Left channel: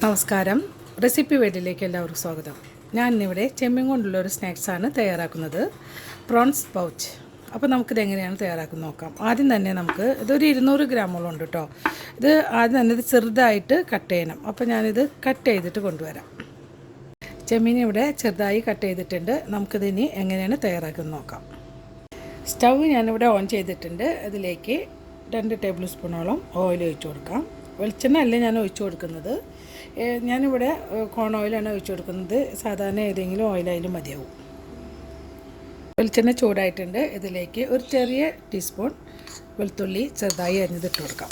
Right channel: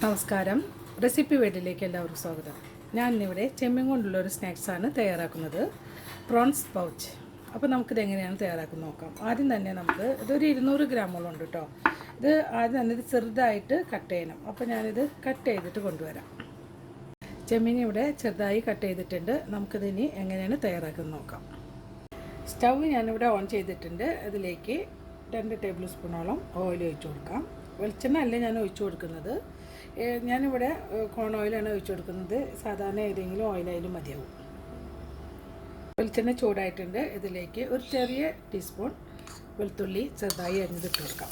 നമസ്കാരം, റെസിപ്പി വേൾഡിലേക്ക് എല്ലാവർക്കും സ്വാഗതം. ഞാൻ ഇന്നിവിടെ ചെമ്മീൻ കൊണ്ടുള്ള ഒരു സ്നാക്സാണ് തയ്യാറാക്കുന്നത്, പ്രോൺസ് പൗച്ച്. അപ്പോൾ നമുക്കിത് എങ്ങനെയാണ് തയ്യാറാക്കുന്നത് നോക്കാം. ആദ്യം തന്നെ നമുക്ക് ഇതൊരു 200 ഗ്രാമോളം ഉണ്ട് കേട്ടോ. ഇത് ആദ്യം തന്നെ ഇത് ചെറുതായിട്ട് കട്ട് ചെയ്യണം. അപ്പോൾ ഞാനിത് കട്ട് ചെയ്തിട്ട് കൊണ്ടുവരാം. ചെമ്മീൻ ഇവിടെ ചെറുതായി കട്ട് ചെയ്തിട്ടുണ്ട്. നമുക്കിതിനി എങ്ങനെയാണ് തയ്യാറാക്കുന്നത് നോക്കാം. സ്റ്റവ് ഞാനിവിടെ ഓൺ ചെയ്തിട്ടുണ്ട്. അതിലേക്ക് 2 ടേബിൾ സ്പൂണോളം ഓയിൽ ഒഴിച്ച് കൊടുക്കാം. വെളിച്ചെണ്ണ അല്ല ഞാൻ ഒഴിച്ചു കൊടുക്കുന്നത്. ഞാനിവിടെ കോൺ ഓയിലാണ് ഒഴിച്ചു കൊടുക്കുന്നത്. സാധാരണ ഏതെങ്കിലും ഓയിലായാലും മതിയാവും. വെളിച്ചെണ്ണ ചൂടായിട്ടുണ്ട്. ഇതിലേക്ക് ഒരു ചെറിയ ടീസ്പൂൺ വെളുത്തുള്ളി ചെറുതായി അരിഞ്ഞിട്ട് കൊടുക്കാം.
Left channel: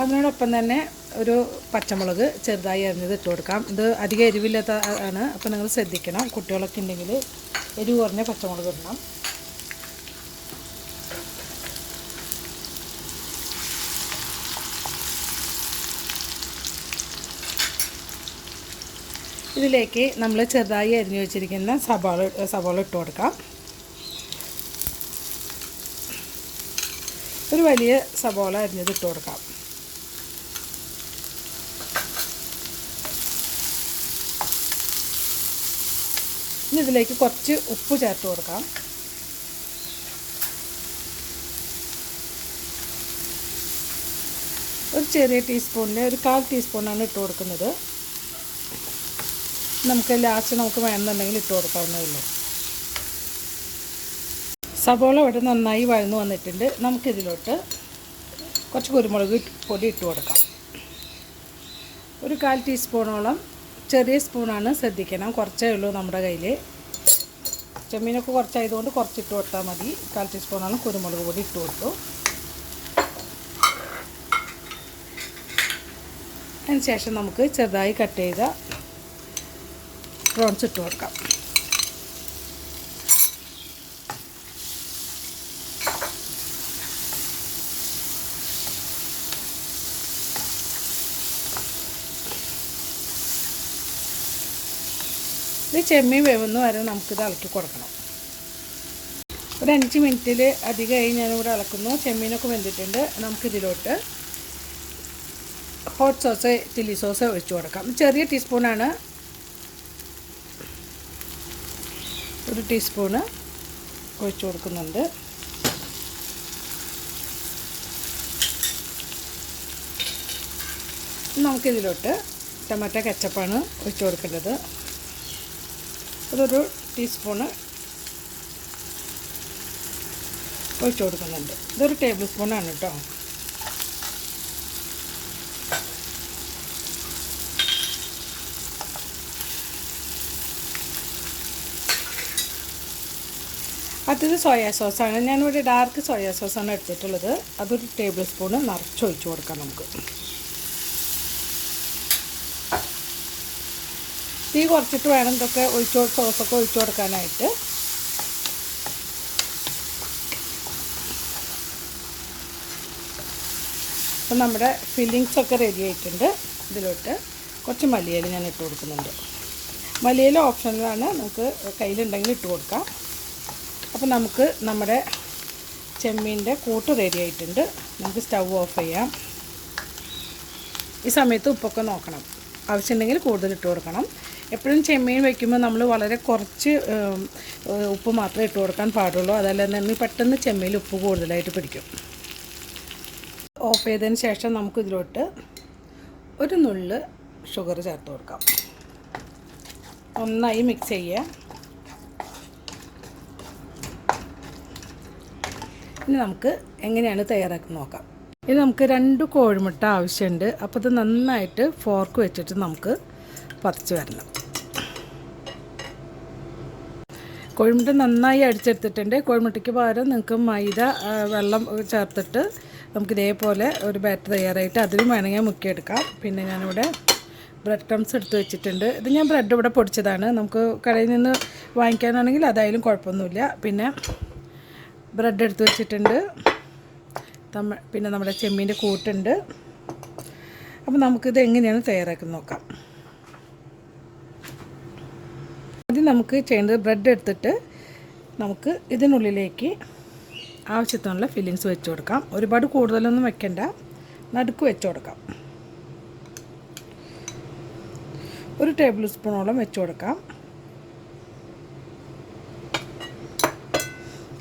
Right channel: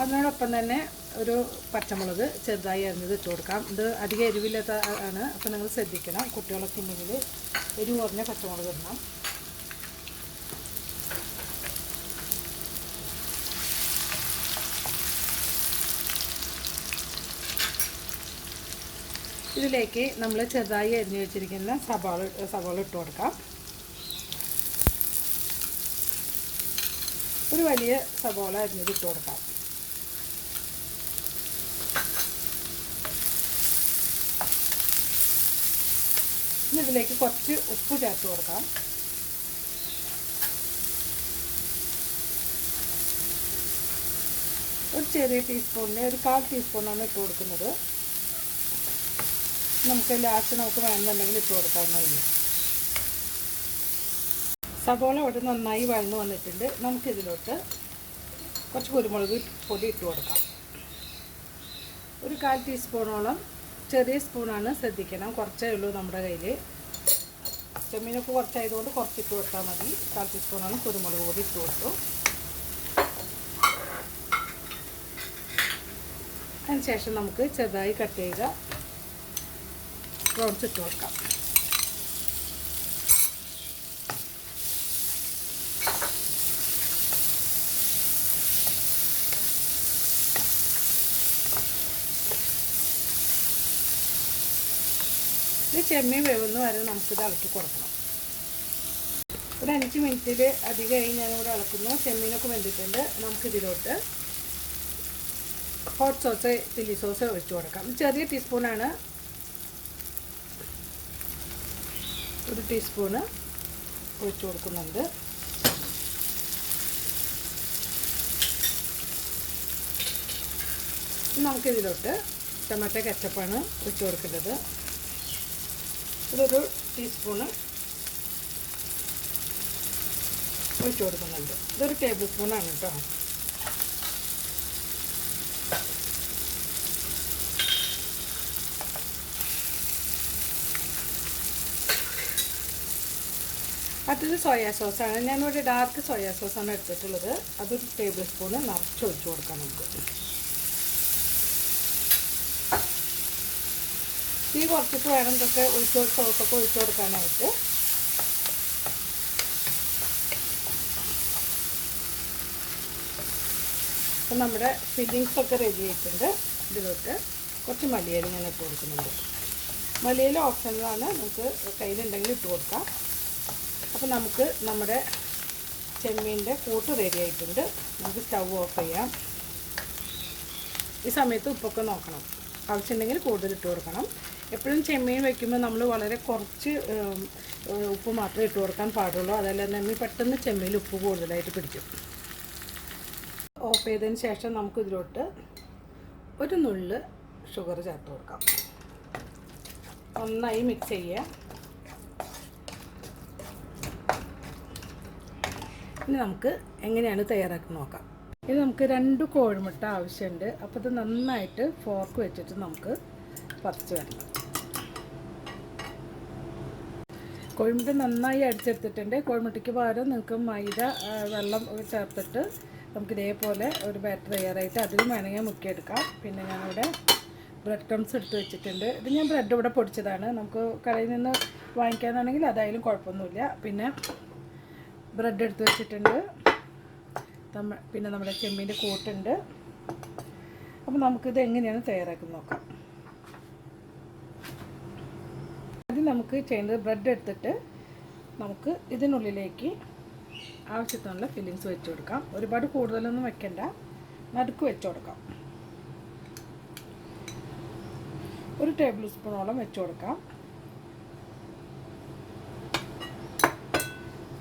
അതിനോടൊപ്പം തന്നെ ഒരു പച്ചമുളക് ചെറുതായി അരിഞ്ഞിട്ട് കൊടുക്കാം. ഇത് അധികം എരിവില്ലാത്ത ആണ്, അപ്പോൾ നിങ്ങൾ ശ്രദ്ധിക്കണം. കുട്ടികളൊക്കെ ഉണ്ടെങ്കിൽ എരിവ് കുറഞ്ഞ പച്ചമുളക് ഇടണം. ഇതിലേക്ക് നമ്മൾ ചെറുതായി അരിഞ്ഞു വെച്ചിരിക്കുന്ന സവാള ഇട്ട് കൊടുക്കാം. ഒരു വലിയ സവാള അരിഞ്ഞത് ഇട്ട് കൊടുക്കാം. ഇനി ഇതിലേക്ക് കുറച്ച് ഉപ്പ് ചേർത്ത് കൊടുക്കാം. ഒരു ചെറിയ ടീസ്പൂണിന് ഒരു 1/4 ടീസ്പൂണാണ് ഇട്ട് കൊടുക്കുന്നത്. നമുക്ക് ലാസ്റ്റ് നമുക്ക് വേണമെന്നുണ്ടെങ്കിൽ ഇട്ട് കൊടുക്കാവുന്നതല്ലേ. സവോള ഇവിടെ നന്നായി വഴന്നു വന്നിട്ടുണ്ട്. നമുക്കിതിലോട്ട് കുറച്ച് കുരുമുളക് പൊടി ഇട്ട് കൊടുക്കാം. ഒരു 1/4 ടീസ്പൂണോളം, ചെറിയ സ്പൂണാണ്, ശ്രദ്ധിക്കണം, കുറച്ചേ ഉള്ളൂ നമ്മുടെ കയ്യിൽ. ചെമ്മീനൊക്കെ കുറച്ചായതുകൊണ്ട് കുറച്ചിട്ട് കൊടുത്താൽ മതി. 1/4 ടീസ്പൂണോളം കുരുമുളക് പൊടി ഇട്ട് കൊടുത്തു. അതിനുശേഷം നമുക്ക് ചെറുതായി കട്ട് ചെയ്ത പ്രോൺസ് ഇട്ട് കൊടുക്കാം. ഇത് ചെമ്മീൻ വേവുന്ന വരെ നമുക്കിത് ഇളക്കി കൊടുക്കണം. ഒരു 5 മിനിറ്റിൽ അധികമായി ഞാനിവിടെ ഇളക്കുന്നു. ചെമ്മീനൊക്കെ വെന്തിട്ടുണ്ട്. നമുക്കിതിലോട്ട് ഹോട്ട് സോസ്, ചില്ലി സോസ് ഒഴിച്ചു കൊടുക്കാം. ചെറിയ ടീസ്പൂണാണ്, ഒരു ടീസ്പൂണ് ഒഴിച്ചു കൊടുക്കുന്നുണ്ട്. നമുക്കിതിലോട്ട് ടൊമാറ്റോ കെച്ചപ്പാണ് ഒഴിച്ചു കൊടുക്കേണ്ടത്. അതൊരു ടീസ്പൂണ് ഒഴിച്ചു കൊടുക്കുന്നുണ്ട്. ഇതൊരു ടേബിൾ സ്പൂണാണ് കേട്ടോ. അടുത്തത് സോയാ സോസാണ്. ഞാനിവിടെ ഡാർക്ക് സോയാ സോസാണ് എടുത്തിട്ടുള്ളത്. അതൊരു ടേബിൾ സ്പൂണ് നിറച്ചൊഴിച്ച് കൊടുക്കാം നമുക്ക്. തീ കുറച്ചിട്ട് വേണം ഇതൊക്കെ സോസൊക്കെ ഒഴിച്ചു കൊടുക്കാനായിട്ട്. അപ്പം നമ്മുടെ ഫില്ലിങ്സൊക്കെ റെഡി ആയിട്ടുണ്ട്. ഇതിലോട്ട് കുറച്ച് മല്ലിയില ഞാൻ ഇട്ട് കൊടുക്കുന്നുണ്ട്. മല്ലിയില ഓപ്ഷനിലാണ്, നമുക്ക് കയ്യിലുണ്ടെങ്കിൽ ഇട്ട് കൊടുക്കാം. അപ്പോൾ നമുക്ക് നമ്മുടെ ചെമ്മീൻ്റെ കൂട്ട് റെഡി ആയിട്ടുണ്ട്. നമുക്ക് സ്റ്റവ് ഓഫ് ചെയ്യാം. ഈ സമയത്ത് ഉപ്പൊക്കെ നോക്കണം. ആവശ്യമുണ്ടെങ്കിൽ കൂടുതൽ ഇട്ട് കൊടുക്കണം. എപ്പോഴും ചെമ്മീൻ വയ്ക്കുമ്പോൾ നമ്മൾ വളരെ കുറച്ച് ഉപ്പ് മാത്രമേ ഇട്ട് കൊടുക്കാൻ പാടുള്ളൂ. അതല്ല തന്നെ പെട്ടെന്ന് ചെമ്മീൻ ഉപ്പ് കൂടുതലായിട്ട് പിടിക്കും. ഓഫ് ചെയ്തതിന് ശേഷം നമുക്കിതിലോട്ട് ഒരു നുള്ള് ഷുഗർ ചേർത്ത് കൊടുക്കാം. നന്നായി മിക്സ് ചെയ്യുക. ഇനി നമുക്ക് എങ്ങനെയാണ് തയ്യാറാക്കുന്നത് നോക്കാം. ഇനി നമുക്ക് 2 കോഴിമുട്ട ആവശ്യമുണ്ട്. അപ്പോൾ ഇത് നന്നായിട്ട് ഫോർക്ക് വെച്ചിട്ട് നമുക്ക് പറിച്ച് വരണം. കോഴിമുട്ട നന്നായി അടിച്ചെടുത്തിട്ടുണ്ട്. കോഴിമുട്ടയ്ക്ക് പകരം നിങ്ങൾക്ക് മൈദ വെള്ളം ചേർത്തിട്ട് നമുക്ക് ഇതേപോലെ ഒരു ബാറ്റർ തയ്യാറായിട്ട് അതിലും വേണമെങ്കിൽ മുക്കിയെടുക്കാം. പിന്നെ ഞാനിവിടെ ബ്രെഡ് ക്രംസ് എടുത്ത് വെച്ചിട്ടുണ്ട്. ഇത് ഞാൻ ബ്രെഡ് ഇവിടെ പൊടിച്ചതാണ്. നമുക്ക് കടയിൽ നിന്ന് വാങ്ങിക്കാനാണെങ്കിൽ അതായാലും കുഴപ്പമൊന്നുമില്ല. പിന്നെ ബ്രെഡ് എടുത്ത് വെച്ചിട്ടുണ്ട്. പിന്നെ നമ്മുടെ ചെമ്മീൻ്റെ കൂട്ടുണ്ട്. അപ്പോൾ നമുക്കിത് എങ്ങനെയാണ് തയ്യാറാക്കുന്നത് നോക്കാം. ആദ്യം നമുക്ക് ചെയ്യേണ്ടത് ബ്രെഡ് എടുത്തിട്ട് നമുക്ക് ഇതിനുള്ളിലേക്ക് ആവശ്യത്തിനുള്ള ഫില്ലിങ്സ് വെച്ച് കൊടുക്കാം. ഒരുപാട് കൂടുതലൊന്നും വെക്കണ്ട, നടുക്ക് വെച്ച് കൊടുക്കാം. 1 ടേബിൾ സ്പൂണോളം വെച്ച് കൊടുക്കാം.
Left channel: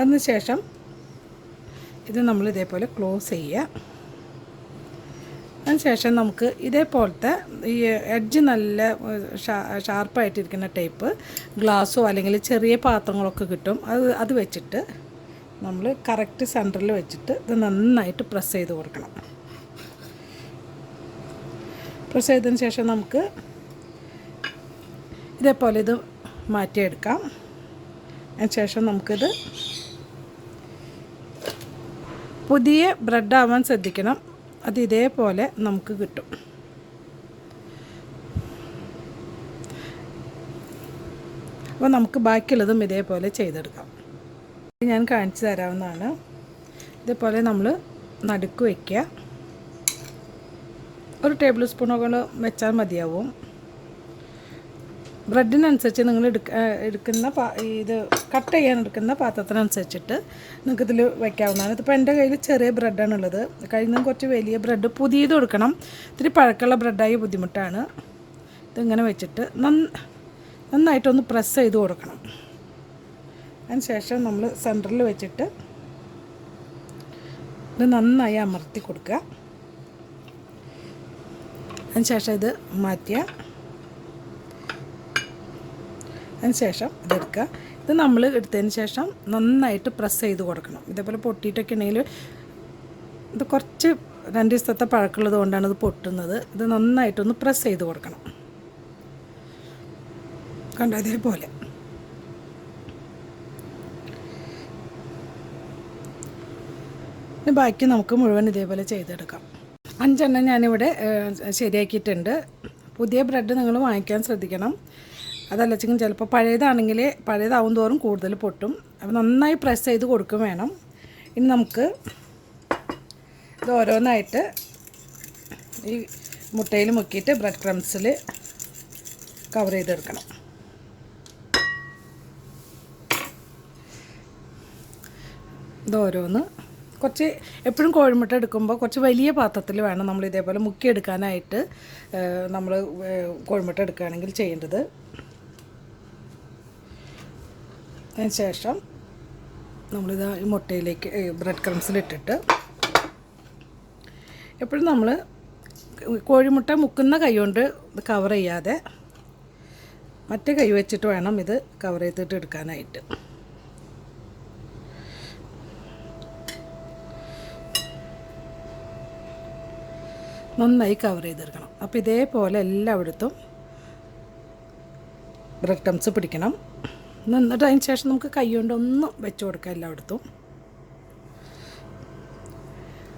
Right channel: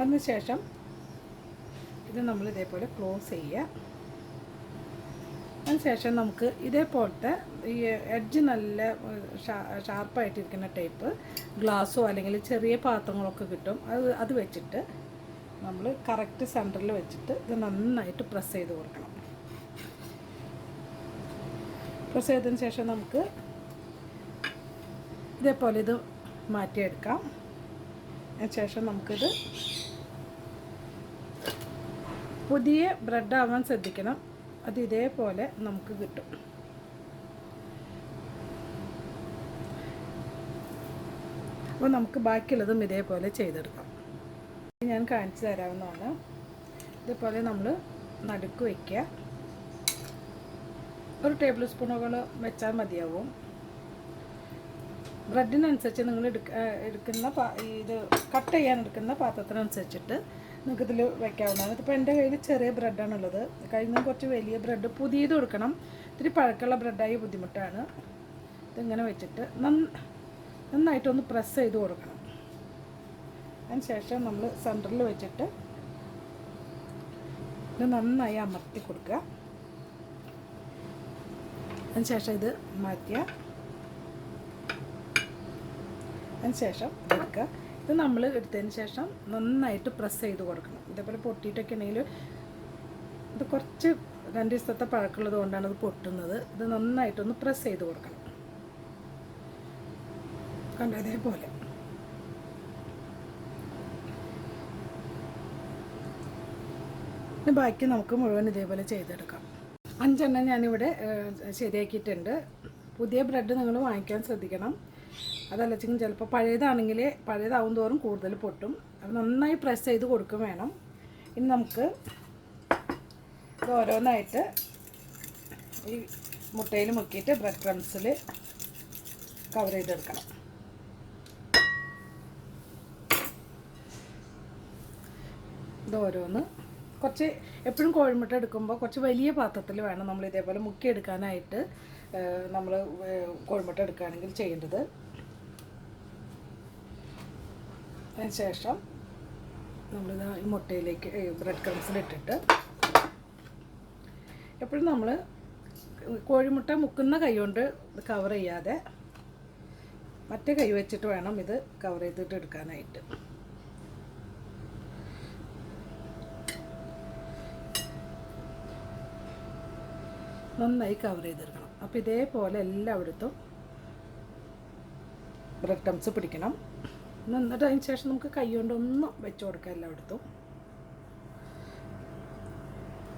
അതിനുശേഷം ഇത് നമ്മൾ ഇതേപോലെ ക്ലോസ് ചെയ്യുക. അതിനുശേഷം നമുക്ക് ഇതേപോലത്തെ ഈ എഡ്ജ് നല്ല ഷാർപ്പായിട്ടിരിക്കുന്ന ടൈപ്പ് ഗ്ലാസ്സോ അല്ലെങ്കിൽ ചെറിയ പാത്രങ്ങളൊക്കെ കിട്ടും. അത് വെച്ചിട്ട് നമ്മൾ കറക്റ്റ് സെൻറ്ററിൽ വെച്ചിട്ട് ഇത് നന്നായിട്ട് പ്രസ് ചെയ്ത് കൊടുക്കണം. പ്രസ് ചെയ്തതിന് ശേഷം നമുക്ക് ഇതേപോലെ ഇത് മാറ്റിയെടുക്കാം. അതിനുശേഷം നമുക്കിത് പുതിയ ബ്രെഡ് ആവാൻ ശ്രദ്ധിക്കണം. അത് ഇതേപോലെ നമുക്ക് കിട്ടും. അപ്പോൾ നമുക്ക് ബാക്കിയുള്ളതും ഇതേപോലെ ചെയ്തെടുക്കാം. ഞാൻ കാണിച്ചു തരാവുന്നതാണ്. ഇതേപോലെ നമ്മൾ നടുക്ക് വയ്ക്കുക. 1 ടേബിൾ സ്പൂണോളം വെച്ചാൽ മതിയാവും. ബ്രെഡിനനുസരിച്ച് നിങ്ങൾ എടുക്കുന്ന ഇത് കട്ട് ചെയ്യാൻ എടുക്കുന്ന പാത്രത്തിനനുസരിച്ചിട്ട് നിങ്ങൾക്ക് ഇതിൽ വയ്ക്കാവുന്നതാണ്. ഇതിപ്പോൾ എൻ്റെ കയ്യിൽ ചെറിയ ബ്രെഡാണുള്ളത്. കഴിഞ്ഞ കുറച്ച് വലിയ ബ്രെഡ് പുതിയത് കൊടുക്കണം. ഇത്തിരി പഴക്കമുള്ള ബ്രെഡായി ബുദ്ധിമുട്ടാണ്. ഇതിങ്ങനെ വെച്ചിട്ട് നന്നായിട്ടൊന്ന് പ്രസ് ചെയ്ത് കൊടുക്കണം. അതിന് ശേഷം നമ്മൾ സെൻറ്ററിൽ വെച്ചിട്ട് ഇത് നന്നായി അമർത്തി കൊടുക്കുക. അതിന് ശേഷം ഇത് മാറ്റുക. അതിനുശേഷം ഇതെടുക്കുക. ഇത് നമ്മൾ എടുത്തതിന് ശേഷം നന്നായിട്ട് പ്രസ് ചെയ്ത് കൊടുക്കണം. ഇതേപോലെ പൊട്ടിയിട്ടൊക്കെ ഉണ്ടെങ്കിൽ ഇത് കുറച്ച് 2 ദിവസത്തെ പഴക്കമുള്ളത് കൊണ്ടാണ് ഇത് പൊട്ടുന്നത്. ഇത് നന്നായിട്ടൊന്ന് പ്രസ് ചെയ്ത് കൊടുക്കണം. കണ്ടോ ഇതേപോലെ. ബാക്കി നമുക്ക് മുഴുവൻ ഇതേപോലെ ചെയ്തെടുക്കാം. 5 എണ്ണം ഞാനിവിടെ ശരിയാക്കിയിട്ടുണ്ട്. പുതിയ ബ്രെഡ് നിങ്ങൾ വാങ്ങിക്കാൻ ശ്രദ്ധിക്കണം. അതല്ലെങ്കിൽ ചിലപ്പോൾ പഴയതാവും തോറും കൂടുതൽ പൊട്ടും. അപ്പോൾ നന്നായി പ്രസ് ചെയ്ത് കൊടുക്കും വേണം. ഇനി നമുക്ക് ഇത് ഓരോന്നായിട്ട് ഈ മുട്ടയിൽ മുക്കിയിട്ട് ബ്രെഡ് ക്രംസിൽ കവർ ചെയ്തെടുക്കണം. ഇത് ഓരോന്ന് കുറച്ച് എപ്പോഴും കോഴിമുട്ട എടുക്കുമ്പോൾ കുറച്ച് വലിയ പാത്രത്തിൽ വേണം നമ്മൾ ഇതേപോലെ മുക്കിയെടുക്കാനായിട്ട്. നമ്മൾ കോഴിമുട്ട എടുക്കുകയാണെങ്കിൽ ചെയ്യേണ്ടത്. അതിന് ശേഷം നമ്മളിത് ഈ മുട്ടയിലേക്ക് ബ്രെഡ് ക്രംസിലിട്ടിട്ട് എപ്പോഴും നമ്മൾ കോഴിമുട്ട മുക്കുന്ന കൈ കൊണ്ട് കവർ ചെയ്യാതെ മറ്റേ കൈ വെച്ചിട്ട് വേണം ഇത് കവർ ചെയ്തിട്ട് എടുക്കാനായിട്ട്. നന്നായി കവർ ചെയ്തെടുക്കണം. അപ്പോൾ ഇതേപോലെ എല്ലായിടത്തും ബ്രെഡ് ക്രംസ് പിടിക്കണം. എന്നിട്ട് അതിന് ശേഷം നമുക്ക് കൈ കൊണ്ടൊന്ന് വെച്ച് കൊടുക്കാം എല്ലായിടത്തും.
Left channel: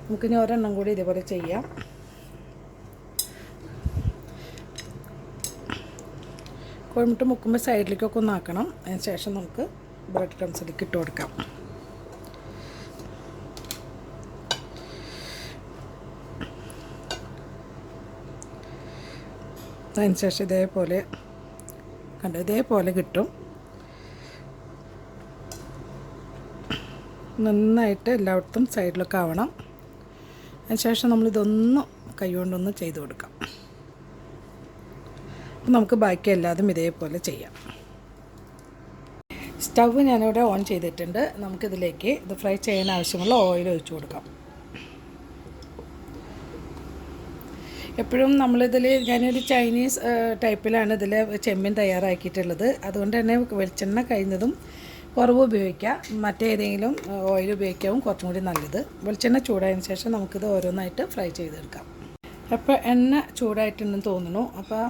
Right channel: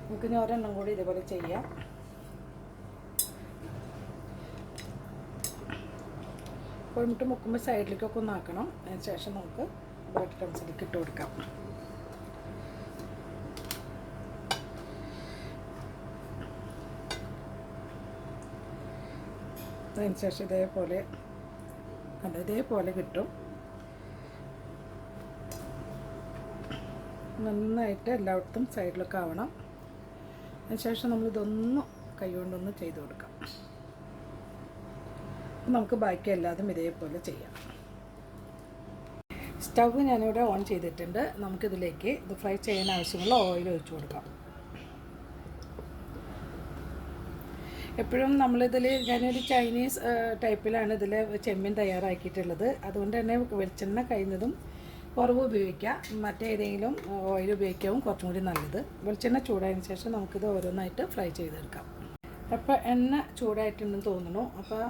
നമുക്കിനി ഒരെണ്ണം കൂടി ഇതേപോലെ ചെയ്യാം. കോഴിമുട്ട മുക്കുമ്പോൾ സൈഡിലേക്കൊക്കെ ഒന്ന് ആക്കണം. അതിന് ശേഷം നമുക്ക് ബ്രെഡ് ക്രംസിലേക്ക് ഇട്ട് കൊടുക്കാം. അതിന് ശേഷം ഇതേപോലെ കണ്ടോ ഇതേപോലെ കിട്ടും. നന്നായിട്ട് എല്ലായിടത്തും സൈഡിലൊക്കെ ആവണം. അതിനുശേഷം നമ്മളിതൊന്ന് കൈ കൊണ്ടൊന്ന് ചെയ്ത് കൊടുക്കാം. നമുക്ക് ബാക്കി എല്ലാതും ഇതേപോലെ ചെയ്യാം. സ്റ്റവ് ഞാനിവിടെ ഓൺ ചെയ്തിട്ടുണ്ട്. നമുക്കിതിലേക്ക് ഇത് ഫ്രൈ ചെയ്യാൻ ആവശ്യമുള്ള ഓയിൽ ഒഴിച്ചു കൊടുക്കാം. എപ്പോഴും നമ്മളിതിൽ ഞാനൊരു ചൈനീസ് ടൈപ്പിലാണ് ഇതിൽ ചെമ്മീൻ തയ്യാറാക്കിയിട്ടുള്ളത്. അതുകൊണ്ട് തന്നെ വെളിച്ചെണ്ണ കഴിഞ്ഞതും കുറവ് ഉപയോഗിക്കുക. മറ്റേതെങ്കിലും ഓയിൽ ഉപയോഗിക്കാവും കുറച്ചും കൂടി നല്ലത്. വെളിച്ചെണ്ണ ചൂടായതിന് ശേഷം നമുക്കിത് ഓരോന്നായിട്ട് ഫ്രൈ ചെയ്തെടുക്കാം. അപ്പോൾ എണ്ണ ചൂടായിട്ടുണ്ടെന്ന് തോന്നുന്നു. അപ്പോൾ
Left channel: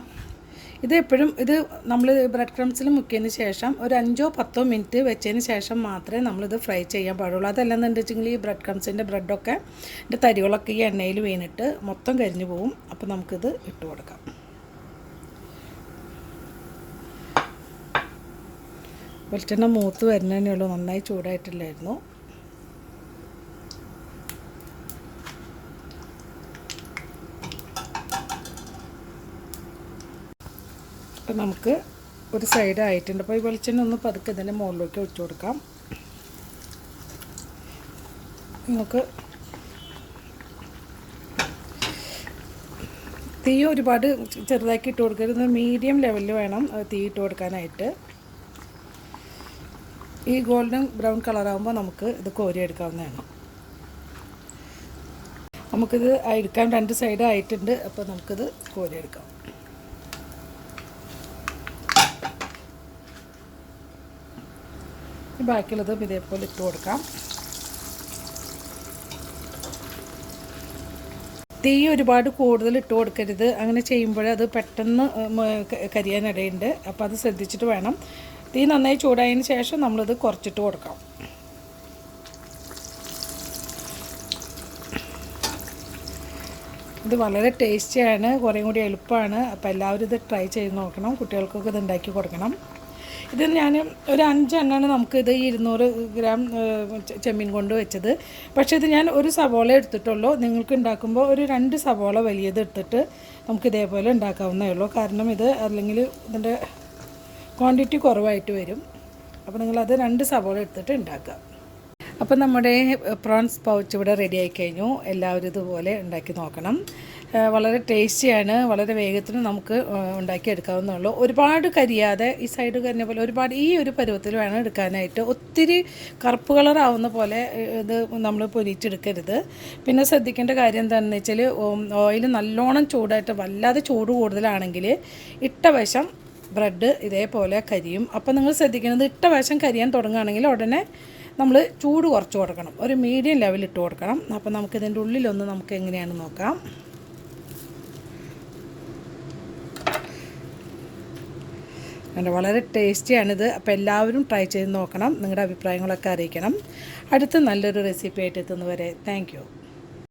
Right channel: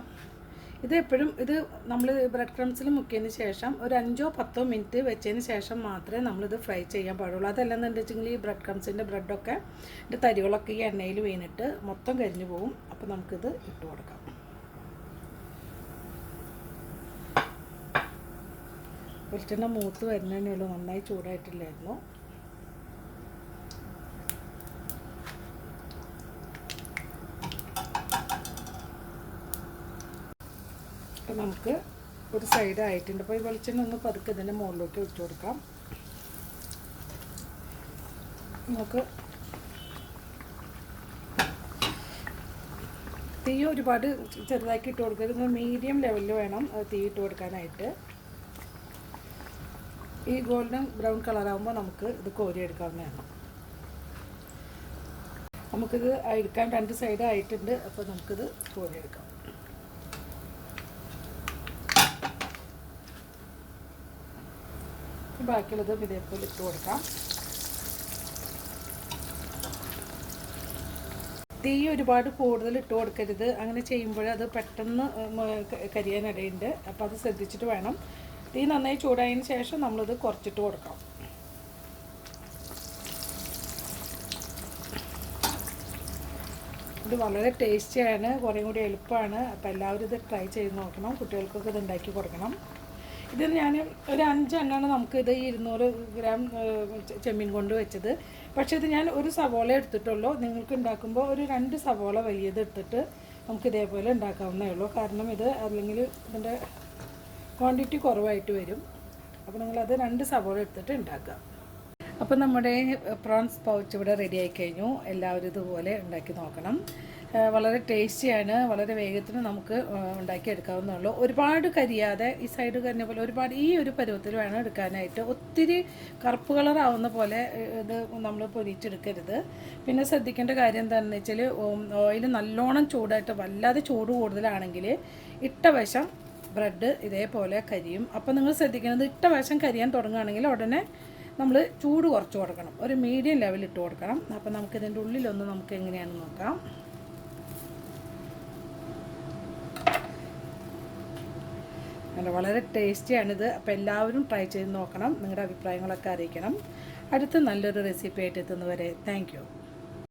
ഇതെപ്പോഴും ഇത് നമ്മൾ ബ്രെഡ് ക്രംസിൽ മുക്കിയതിന് ശേഷം ഒരു 5-10 മിനിറ്റ് വെച്ചതിന് ശേഷം മാത്രമേ നമ്മളിത് ഫ്രൈ ചെയ്യാൻ പാടുള്ളൂ. അതല്ലെന്നുണ്ടെങ്കിൽ ഈ ബ്രെഡ് ക്രംസിൻ്റെ ബ്രെഡൊക്കെ ഇതിൻ്റെ തരികളൊക്കെ ഈ എണ്ണയിൽ വീണിട്ട് മൊത്തം കരിഞ്ഞു പോവും. അപ്പോൾ നമുക്കിത് ഇട്ട് കൊടുക്കാം. വെളിച്ചെണ്ണ മൂത്ത് വരുന്നതേ ഉള്ളൂ. നന്നായി ചൂടായിട്ടില്ലായിരുന്നു. അപ്പം നമുക്ക് ഒരു സൈഡ് ആയിട്ടുണ്ട്. അപ്പോൾ ഈ വെളിച്ചെണ്ണ ഒന്ന് പതുക്കെ ഇതിൻ്റെ മുകളിലേക്ക് ഒഴിച്ചു കൊടുക്കാം. നമുക്ക് തീ ഒരുപാട് ചെറുതാക്കി ഇട്ട് കൊടുക്കരുത്, മീഡിയം ലെവലിൽ വേണം തീ ഇട്ട് കൊടുക്കാനായിട്ട്. ഈ ഗോൾഡൻ ബ്രൗൺ കളറാകുമ്പോൾ നമുക്ക് ഇത് കോരി എടുക്കാവുന്നതാണ്. നമുക്കിത് എടുക്കാൻ 2 സൈഡ് ആയിട്ടുണ്ട്. അപ്പോൾ നമുക്കിത് കോരി എടുക്കാം. ബാക്കിയുള്ളതും ഇതേപോലെ ഇട്ട് കൊടുക്കാം. തീ ഒരുപാട് കൂടുതൽ ഇട്ട് കൊടുക്കരുത്. അങ്ങനെ ചെയ്യുമ്പോൾ അത് പെട്ടെന്ന് കരിയാനിടയുണ്ട്. അപ്പോൾ അത് ശ്രദ്ധിച്ചിട്ട് വേണം. തീ നന്നായി ചൂടായതിന് ശേഷം നമ്മളിത് കുറച്ചിട്ട് കൊടുക്കാം. ഇത് വളരെ ടേസ്റ്റിയാണ്, കുറേ കൂടി എളുപ്പമാണ്. അപ്പോൾ എല്ലാവരും ഇത് ട്രൈ ചെയ്ത് നോക്കണം. കുട്ടികൾക്കൊക്കെ ഇത് ഉണ്ടാക്കി കൊടുക്കണം. ഇത് ഞാൻ ഒരു 5 എണ്ണമാണ് നമുക്കിത് 200 ഗ്രാം ചെമ്മീൻ കൊണ്ട് വെച്ചത്. പക്ഷേ ഇത് ഞാൻ ഒരു സവോള എടുത്തിട്ടുള്ളൂ. നിങ്ങൾക്ക് ഉണ്ടാക്കുമ്പോൾ ഒരു 2 സവോള വലിയത് എടുത്തിട്ട് നമുക്ക് ഇതേപോലെ ഉണ്ടാക്കാവുന്നേ ഉള്ളൂ. കാരണം ഇത് അല്ലെങ്കിൽ ഇതിൻ്റെ ക്വാണ്ടിറ്റി കുറവായിട്ട് വരും. അപ്പോൾ നിങ്ങളത് 2 സവോള എടുത്തിട്ട് ഉണ്ടാക്കുക. അപ്പോൾ നമ്മുടെ പ്രോൺസ് പൗച്ച് ഇവിടെ റെഡി ആയി കഴിഞ്ഞു. എല്ലാവരും ഇതുപോലെ ഉണ്ടാക്കി നോക്കണം. വളരെ ടേസ്റ്റിയാണ്, വളരെ വേഗത്തിന് നമുക്ക് ഉണ്ടാക്കിയെടുക്കാവുന്നതുള്ളൂ. ഒരുപാട് കരിയാതെ ഈ സൈഡ് കരിഞ്ഞ പോലെ ഒരുപാട് ഈ ഒരു പരുവത്തിൽ വേണം എടുക്കാനായിട്ട്. ഒത്തിരി കറുപ്പ് കളറാവുന്ന പോലെ ഇത് നമ്മൾ പൊരിച്ചെടുക്കരുത്. പിന്നെ ശ്രദ്ധിക്കേണ്ട കാര്യം എന്താണെന്ന് വെച്ചാൽ ഓയിൽ നല്ലോണം ചൂടായിട്ട് വല്ലാതെ ചൂട് കൂടുതലാണെങ്കിൽ ഇട്ട വശം ബ്രെഡ് ഇതേപോലെ കരിയും. അപ്പോൾ നിങ്ങൾ ശ്രദ്ധിക്കുന്നത് ഇട്ട വശം കരിയാൻ തുടങ്ങുകയാണെങ്കിൽ ഉടനെ നമ്മൾ ചൂട് കുറച്ച് കൊടുക്കണം. ഒരു മീഡിയം ലെവൽ ഇട്ട് കൊടുക്കണം. അപ്പോൾ നമുക്കിതിൻ്റെ ഉള്ളിലൊന്ന് നമുക്ക് എങ്ങനെയാണെന്ന് നോക്കാം. അങ്ങനെ വളരെ ടേസ്റ്റിയാണിത്. അപ്പോൾ എല്ലാവരും ട്രൈ ചെയ്ത് നോക്കണം. നിങ്ങളുടെ അഭിപ്രായങ്ങളൊക്കെ അറിയിക്കണം. അടുത്ത നല്ലൊരു റെസിപ്പി ആയിട്ട് എത്തുന്നവരെ താങ്ക് യു.